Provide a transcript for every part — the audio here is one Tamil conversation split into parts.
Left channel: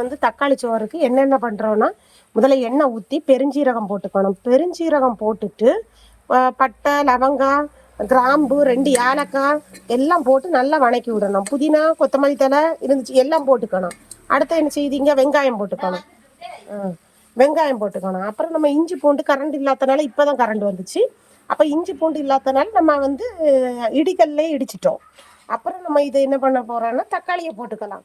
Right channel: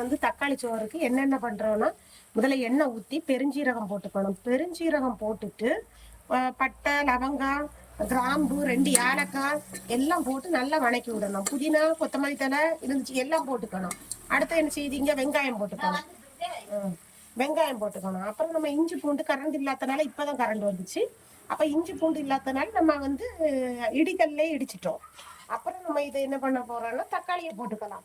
வந்து தக்காளி சோறுக்கு என்னென்ன பண்ணுறோன்னா முதல்ல எண்ணெய் ஊற்றி பெருஞ்சீரகம் போட்டுக்கணும். பெருஞ்சீரகம் போட்டுட்டு பட்டை லவங்காய் கிராம்பு ரெண்டு ஏலக்காய் எல்லாம் போட்டு நல்லா வணக்கி விடணும். புதினா கொத்தமல்லி தழை இருந்துச்சு எல்லாம் போட்டுக்கணும். அடுத்து என்ன செய்தீங்க வெங்காயம் போட்டுக்கணும். வெங்காயம் போட்டுக்கணும். அப்புறம் நம்ம இஞ்சி பூண்டு கரண்ட் இல்லாதனால இப்போதான் கரண்ட் வந்துச்சு. அப்போ இஞ்சி பூண்டு இல்லாதனால நம்ம வந்து இடிக்கல்லே இடிச்சிட்டோம். அப்புறம் நம்ம இதை என்ன பண்ண போறோம்னா தக்காளியை போட்டுக்கலாம்.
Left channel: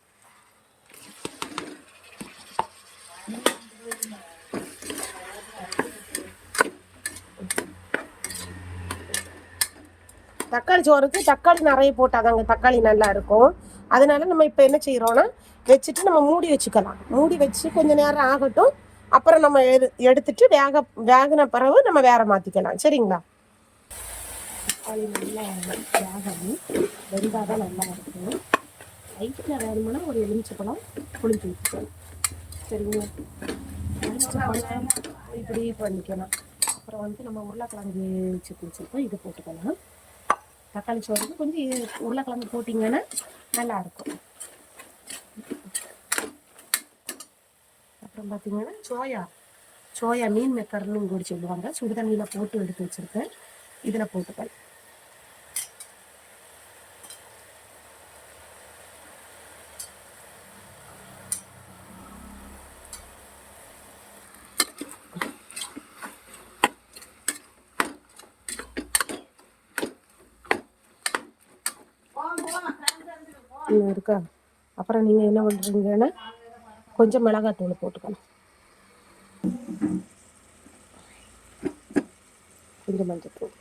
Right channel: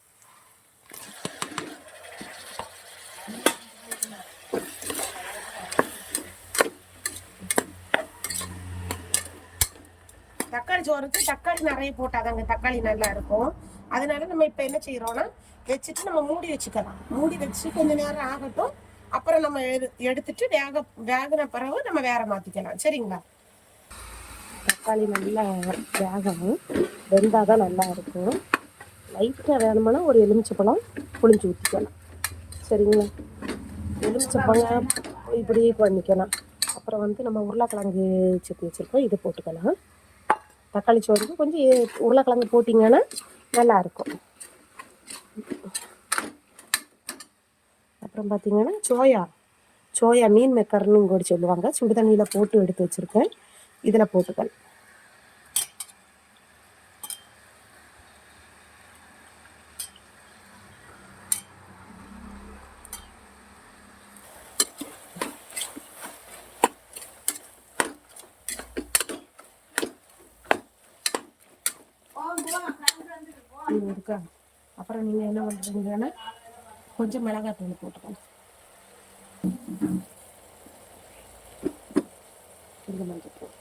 தக்காளி சோறுக்கு தக்காளி நிறைய போட்டாதாங்க. தக்காளி நல்லா இருக்கும். அதனால நம்ம இப்போ என்ன செய்யறோம்னா வச்சுட்டு நம்ம மூடி வச்சுக்கலாம். மூடி வச்சு கொஞ்ச நேரம் ஆகட்டும். அப்புறம் நம்ம எடு எடுத்துட்டு வேக வேகின பிறகு நம்ம வேற மாத்திக்கலாம். சரிங்களா? தக்காளி நல்லா வேகணும். வெந்தாதான் நல்லா இருக்கும். லைட்டாக வேணுமானா ஒரு எலுமிச்சப்பழம் புளிஞ்சு ஊற்றிக்கலாம் சரிங்களா? எலுமிச்சப்பழம் இப்படி பண்ணிக்கலாம். அப்புறம் வந்து நம்ம உருளைக்கிழங்கு சட்னி வச்சுருக்கோம். இதை போட்டுக்கலாம். தக்காளி சோறுக்கு கொஞ்சம் உருளைக்கிழங்கு போட்டிங்கன்னா நல்லா இருக்கும் அப்புறம் பார்த்தீங்கன்னா சோயா சோயா மீன் மெக்கர்னு கூட சொல்லுவாங்க. சுடு தண்ணியில் போட்டு எடுத்து வச்சுருக்கேன். இதில் போட்டுக்கலாம். இன்னும் இருக்கா? அப்புறம் நீங்கள் என்ன பண்ணுறீங்கன்னா கொஞ்சம் மிளகாத்தூள் போட்டுக்கணும் கொஞ்சம் மஞ்சத்தூள்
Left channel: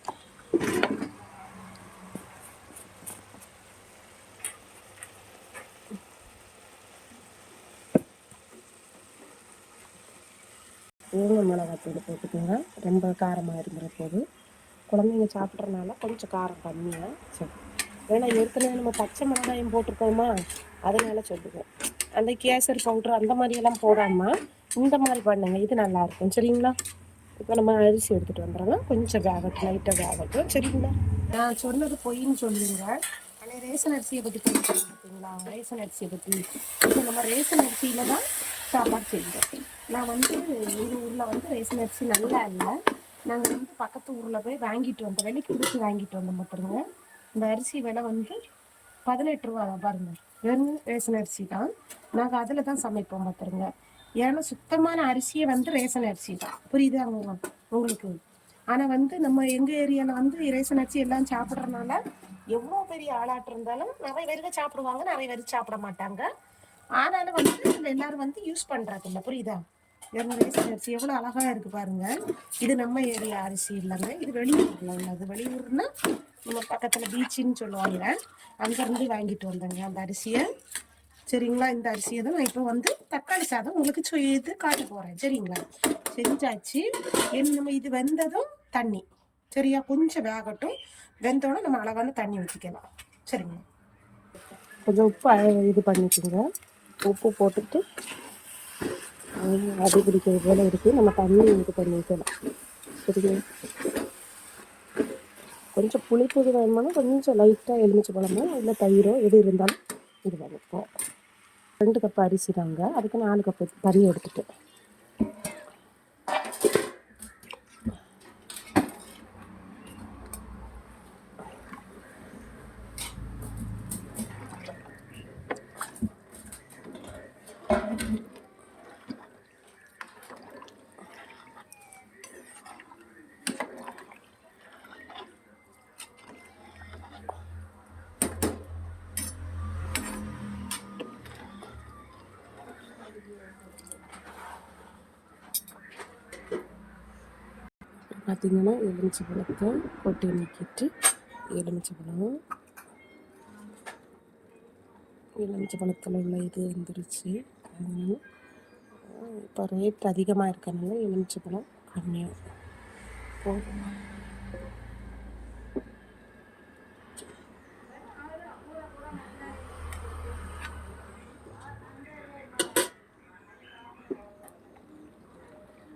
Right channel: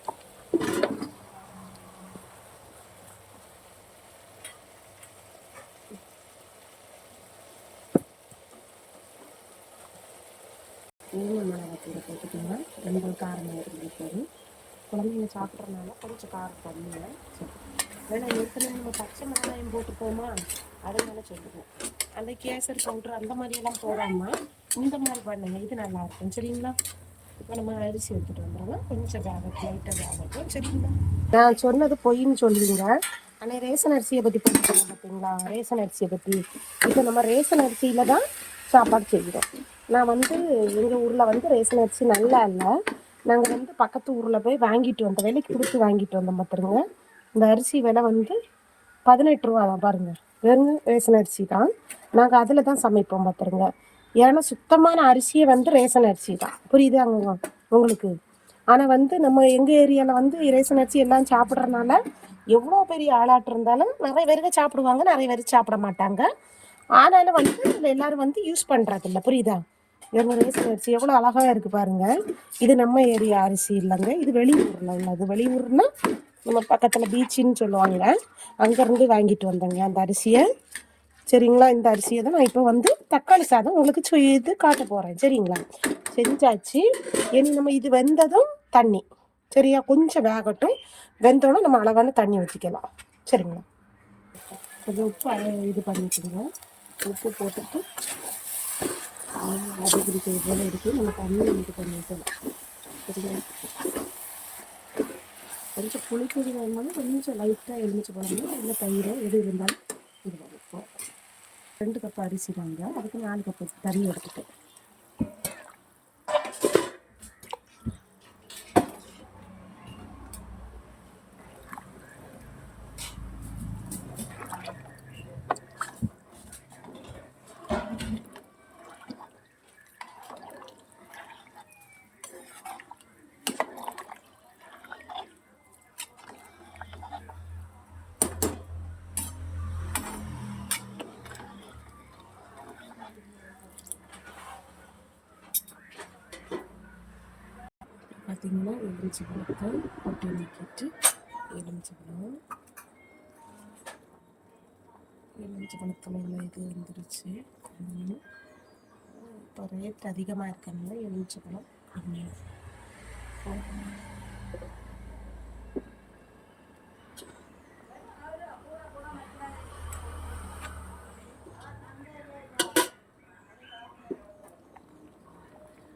ஏழு மிளகாத்தூள் போட்டுக்கோங்க. ரொம்ப காரமாக இருக்கிற போது குழந்தைங்க சாப்பிட்றதுனால கொஞ்சம் காரம் கம்மியாக சரி ஏன்னா ஏற்கனவே நம்ம பச்சை மிளகாயம் போட்டிருக்கோமா? அதனால சொல்லுவோம் அந்த கேசரி பவுட்ரு அந்த மாதிரியெல்லாம் போடாமல் இந்த மாதிரி பண்ணுங்க இது நல்லா இருக்கும். சரிங்களா? இப்போ நம்ம அரிசி எடுத்துகிட்டு வந்துடுறோம் கொஞ்சம் வேகட்டும் லைட்டாக வேகட்டும். சரிங்களா? நான் சொன்னது பொய்ன்னு சொல்லுவீங்க ஆனால் ரேஷன் அரிசியை பற்றி பண்ணிக்கலாம் பார்த்தீங்களா ரேஷன் அரிசியை பற்றி இப்போ நம்ம ரேஷன் அரிசியில் தான் சாப்பாடு செய்கிறோம் நான் வந்து எங்கள் ஊரில் வந்து ரேஷன் அரிசி நல்லா இல்லை. நாங்கள் வந்து பக்கத்து ஊரில் போய் வாங்கிட்டு வந்தோம். வேலைக்கு கொடுத்து வாங்கிட்டு வந்தோம் பார்த்துருங்க இந்த அரிசி விலை வந்து பதினெட்டு ரூபா தான் பாருங்க. வெறும் ரேஷன் அரிசி தான். நாங்கள் அதில் தான் சமைப்போம் பார்த்துருங்க ஏன்னா சுத்தமான அரிசியே வந்து ரேஷன் அரிசி தான். புரியுதாங்க உங்களுக்கு? ஆனால் வந்து நம்ம எங்கள் ஏரியாவில் வந்து ரேஷன் அரிசி எல்லாம் சாப்பிட்றதுனால எவ்வளோ பெரிய ஆளாட்டு இருந்தாலும் நிறைய பேருக்கு சாப்பிடுவாங்க நிறைய பேர் சாப்பிட மாட்டாங்க. ஆனாலும் வந்து இதில் எல்லாரும் வந்து யூஸ் பண்ணுறதில்ல புரியுதா? எங்கள் ரேஷன் அரிசி எவ்வளோ அழகாக இருக்குது பாருங்கள் இது நம்ம ஏரியா அரிசி இல்லைங்க. இது வெளியூரில் உள்ளது. வெளியூர்னா நம்ம பக்கத்தில் பீச்சுன்னு சொல்லுவாங்க. அங்கேருந்து வாங்கிட்டு வந்தேங்க அந்த அரிசியை. சரிங்களா? இந்த அரிசியை தான் நான் இப்போ வந்து தக்காளி சாதம் உங்களுக்கு செய்து காட்ட போகிறேன் சரிங்களா? செஞ்சாச்சு. இனி நம்ம இது வெந்ததும் தண்ணி. சரியா? கொஞ்சம் வேகட்டும். வெந்தோடனே நம்ம அளவான தண்ணி ஊற்றிக்கலாம் சரிங்களா? கொஞ்சம் உப்பு இது பண்ணிக்கோங்க. உப்பு போட்டுட்டு அது பிடிக்கிறது போல இருக்குது நம்ம தண்ணி இது பண்ணி வைக்கலாம் சரிங்களா? கொஞ்சம் புளிப்பு இது வேணுமானா கொஞ்சம் லைட்டாக எலுமிச்சு பழமோ இல்லை தயிரோ எது இருந்தாலும் இது வளர்ப்போம் ரெண்டு கப் அரிசி தாங்க. அதுக்கு நாலு கப்பு தறியை எடுத்துகிட்டு பார்த்தீங்கன்னா எலுமிச்சை பழத்தை கொட்டி நீக்கிட்டு எலுமிச்சை பழம். எலுமிச்சை பழத்தில் உள்ள இது வந்துருச்சு. இப்போ ரேட் அதிகமாக இருக்கிறதுனால எலுமிச்சை பழம் கம்மியாக போதுமா